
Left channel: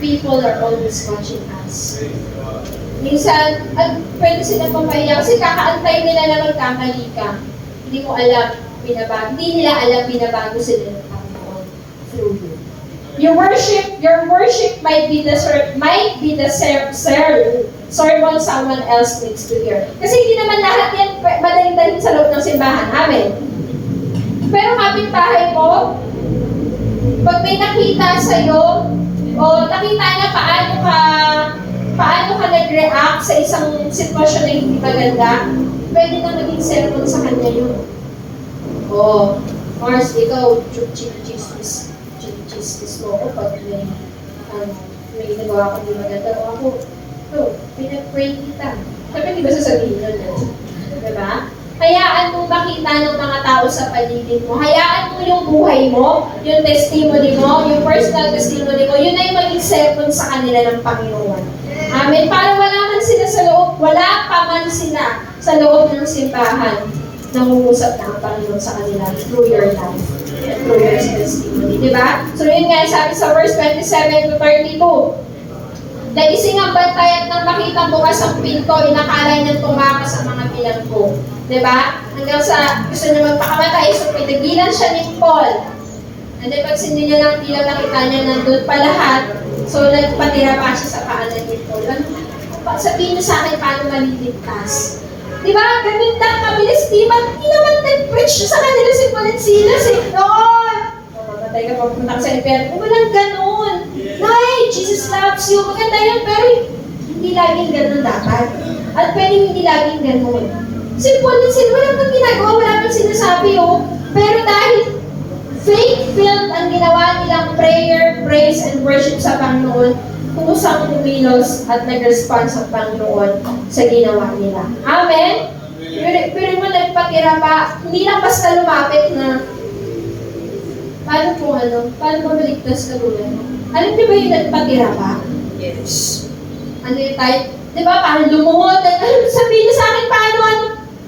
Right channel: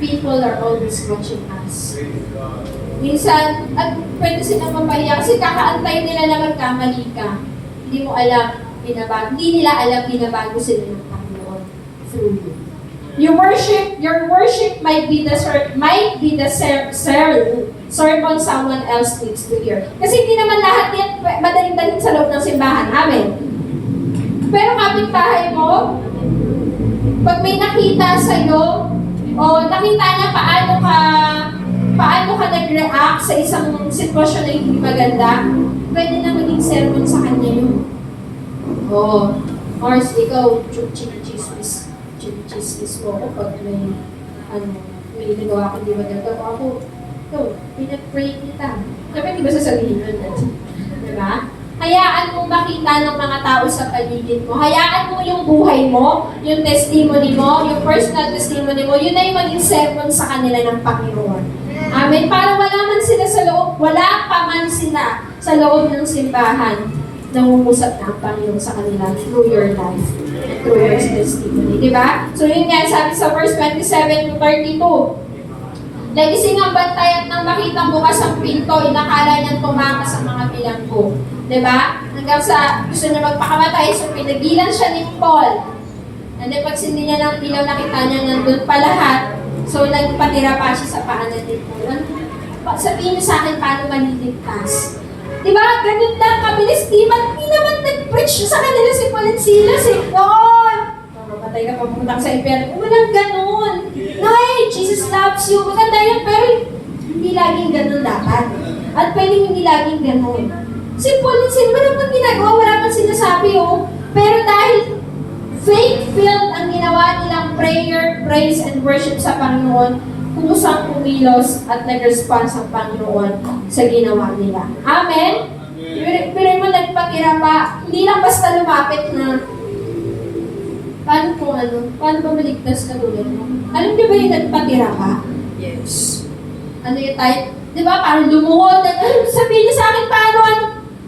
People are always watching us. Minsan, at pwede silang mapahiya kasi kakaantay nila na magkamali ka. Hindi mo alam, hindi nila alam binabago sila ng Panginoon through you. Your worship might be the sermon someone else needs to hear. Kasi hindi naman lahat yan madaling-daling sa loob ng simbahan. Amen. Pero kapitbahay mo, pag may nakita sa'yo, o nakita niya paano ka nag-react sa isang sitwasyon na hindi maganda, pwede na maging sermon sa kanya yun. Mars, ikaw, chismis mo ako pag may nagawa kang di maganda mo ako. Pinag-pray kita. Siyempre, di ba sasabihin nun? Diba? Hayaan mong makita ng mga tao sa paligid mo. Hayaan mo yung buhay mo, yung testimony mo, yung personal testimony mo, yun na yung maging sermon sa kanila ng Panginoon. Amen. Para wala man sila sa loob, wala pa man sila sa loob ng simbahan, nangungusap na ang Panginoon sa kanila through your life and through your testimony. Diba? So yun nga, sabi sa verse 27 to 32, nagising ang bantay at nang makitang bukas ang pinto, inakala niyang tumakas sa mga bilanggo. Diba? Hanggang sa gusto niya magpakamatay, so pinagilan siya ni Paul. And then pag sindi niya ng ilaw, nakita niya nandun pa lahat. So nagpatira pa siya sa paanan ni Paul. Sabihin niyo sa akin paano maliligtas. Diba? Ganun lang, kabilis, di naman nag-preach sa kanila si Paul at Silas eh. Noon! Mamatay ka papunta sa impyerno. Walang ganun. Nay, Jesus loves you. Maganda yun, pero hindi laging ganun dapat. At pwedeng hindi laging ganun. Si Paul at Silas, wala pang ginagawa, wala pang sinasabi oh. Pero dahil faith-filled ang ginawa nilang prayer, praise, and worship sa Panginoon, kusang kumilos at nag-respond sa Panginoon sa ginawa nila. Amen? Pero mo nagpatira pa, hindi lang basta lumapit na paano ba maligtas ka doon? Alam niyo ba yung nagpatira pa? Yes. Ano yung type? Di ba? Parang lumuhod. Sabihin niya sa akin, paano?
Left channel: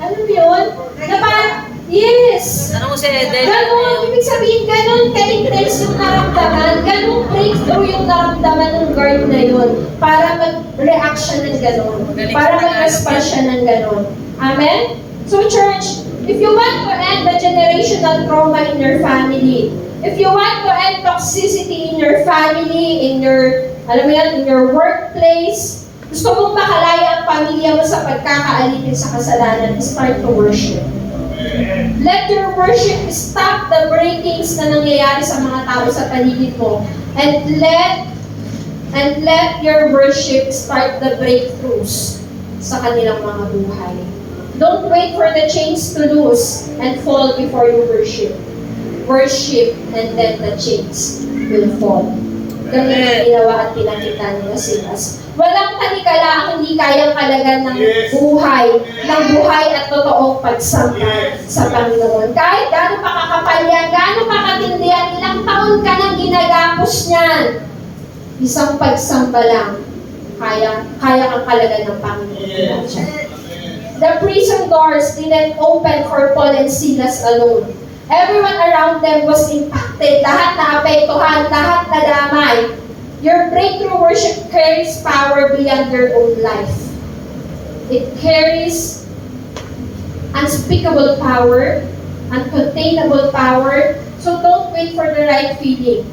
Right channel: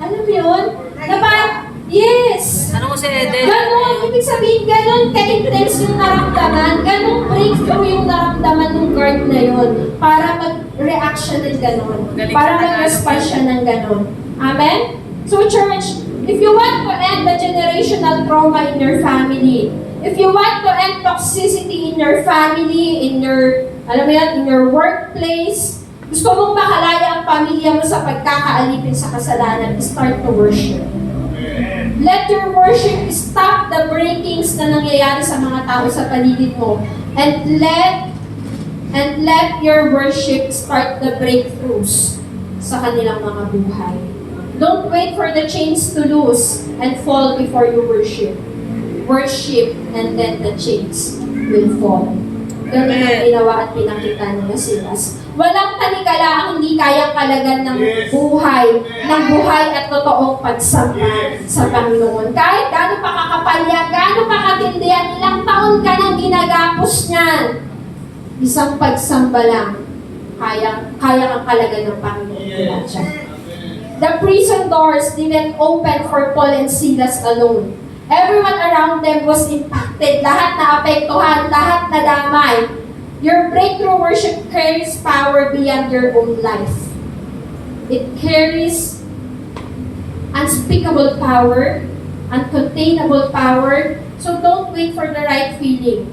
Ano yun? Na parang, yes! Ano mo si Eden? Ganon, ibig sabihin, ganon ka-intense yung naramdaman, ganon breakthrough yung naramdaman ng guard na yun para mag-react siya ng ganon, para mag-respond siya ng ganon. Amen? So church, if you want to end the generational trauma in your family, if you want to end toxicity in your family, in your, alam mo yan, in your workplace, gusto mong makalaya ang pamilya mo sa pagkakaalipin sa kasalanan, start to worship. Let your worship stop the breakings na nangyayari sa mga tao sa paligid mo. And let your worship start the breakthroughs sa kanilang mga buhay. Don't wait for the chains to loose and fall before you worship. Worship and then the chains will fall. Ganun ang ginawa at pinakita nila Silas. Walang kanikala ang hindi kayang kalagan ng buhay at totoong pagsamba sa Panginoon. Kahit gaano pa kakapal yan, gaano pa katindi yan, ilang taon ka nang ginagapos niyan. Isang pagsamba lang, kaya kang kalagan ng Panginoon. The prison doors didn't open for Paul and Silas alone. Everyone around them was impacted. Lahat na apektuhan, lahat na damay. Your breakthrough worship carries power beyond your own life. It carries unspeakable power, uncontainable power. So don't wait for the right feeling.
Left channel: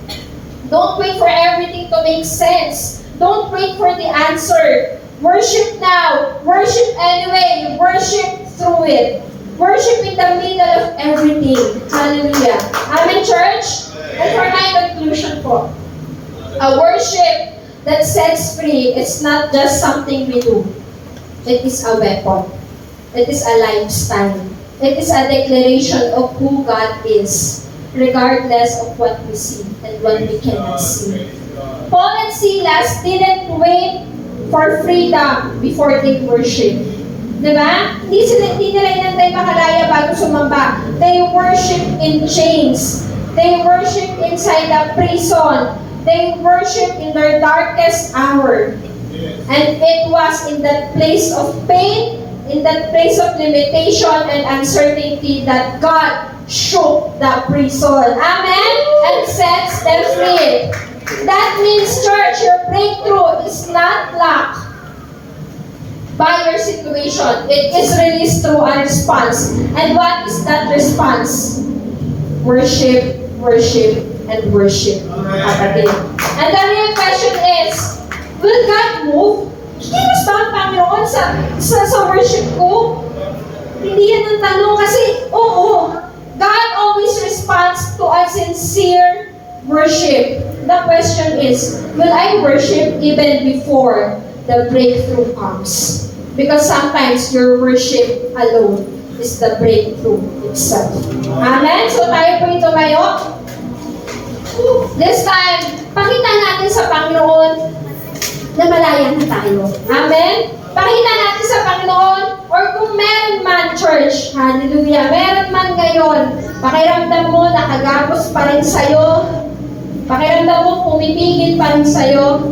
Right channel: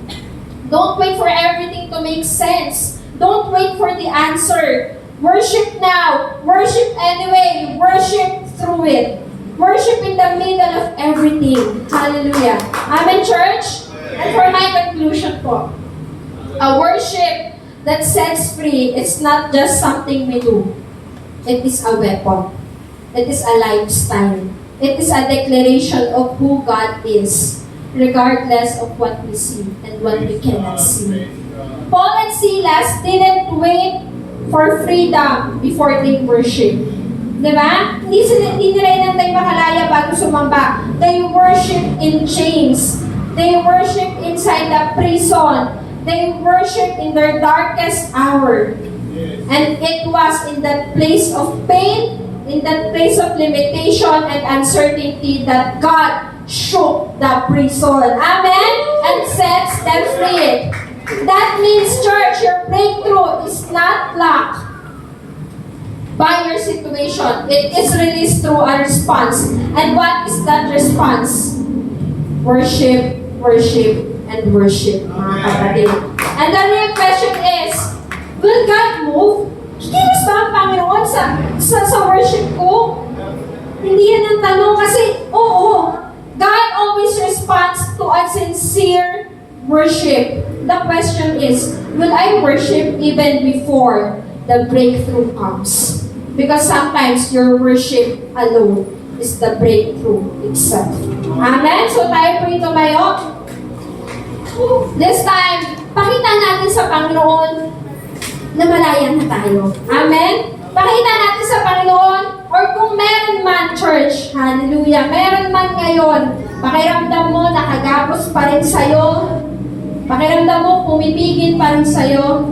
Don't wait for everything to make sense. Don't wait for the answer. Worship now. Worship anyway. Worship through it. Worship in the middle of everything. Hallelujah. Amen, church? And for my conclusion po, a worship that sets free, it's not just something we do. It is a weapon. It is a lifestyle. It is a declaration of who God is, regardless of what we see and what we cannot see. Paul and Silas didn't wait for freedom before they worship. Diba? Hindi nila inantay makalaya bago sumamba. They worship in chains. They worship inside the prison. They worship in their darkest hour. And it was in that place of pain, in that place of limitation and uncertainty that God shook the prison. Amen? And sets them free. That means, church, your breakthrough is not locked by your situation. It is released through a response. And what is that response? Worship, worship, and worship, mga kapatid. And the real question is, will God move? Kikilos ba ang Panginoon sa worship ko? Hindi yan ang tanong kasi, oo, God always responds to a sincere worship. The question is, will I worship even before the breakthrough comes? Because sometimes your worship alone is the breakthrough itself. Amen? So tayo po ito ngayon. This time, pakita natin sa Panginoon na malaya na tayo. Amen? Pakita natin sa Panginoon, or kung meron man, church, hallelujah, meron man ngayon, pakiramdam mo nakagapos pa rin sa'yo, pakiramdam mo pumipigil pa rin sa'yo,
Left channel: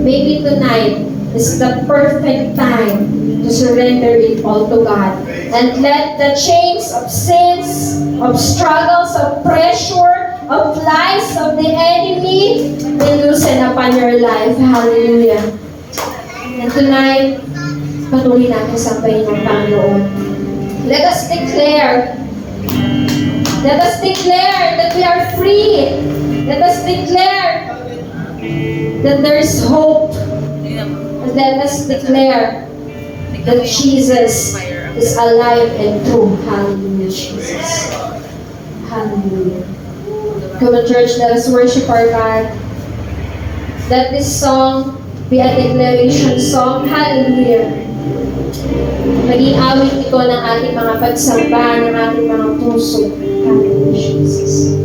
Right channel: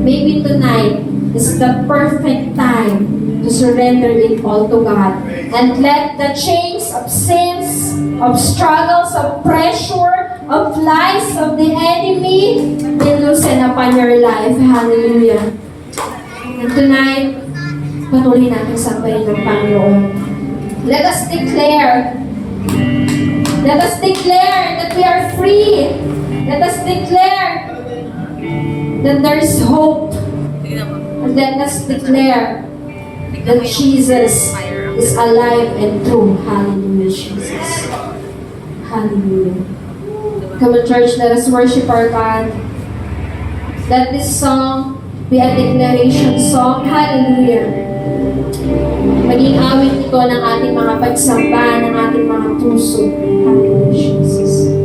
maybe tonight, is the perfect time to surrender it all to God. And let the chains of sins, of struggles, of pressure, of lies of the enemy be loosened upon your life. Hallelujah. And tonight, patuloy natin sambahin ng Panginoon. Let us declare that we are free. Let us declare that there is hope. And let us declare that Jesus is alive and true. Hallelujah, Jesus. Hallelujah. Come on, church, let us worship our God. Let this song be a declaration song. Hallelujah. Maging awit ito ng ating mga pagsamba, ng ating mga puso. Hallelujah, Jesus.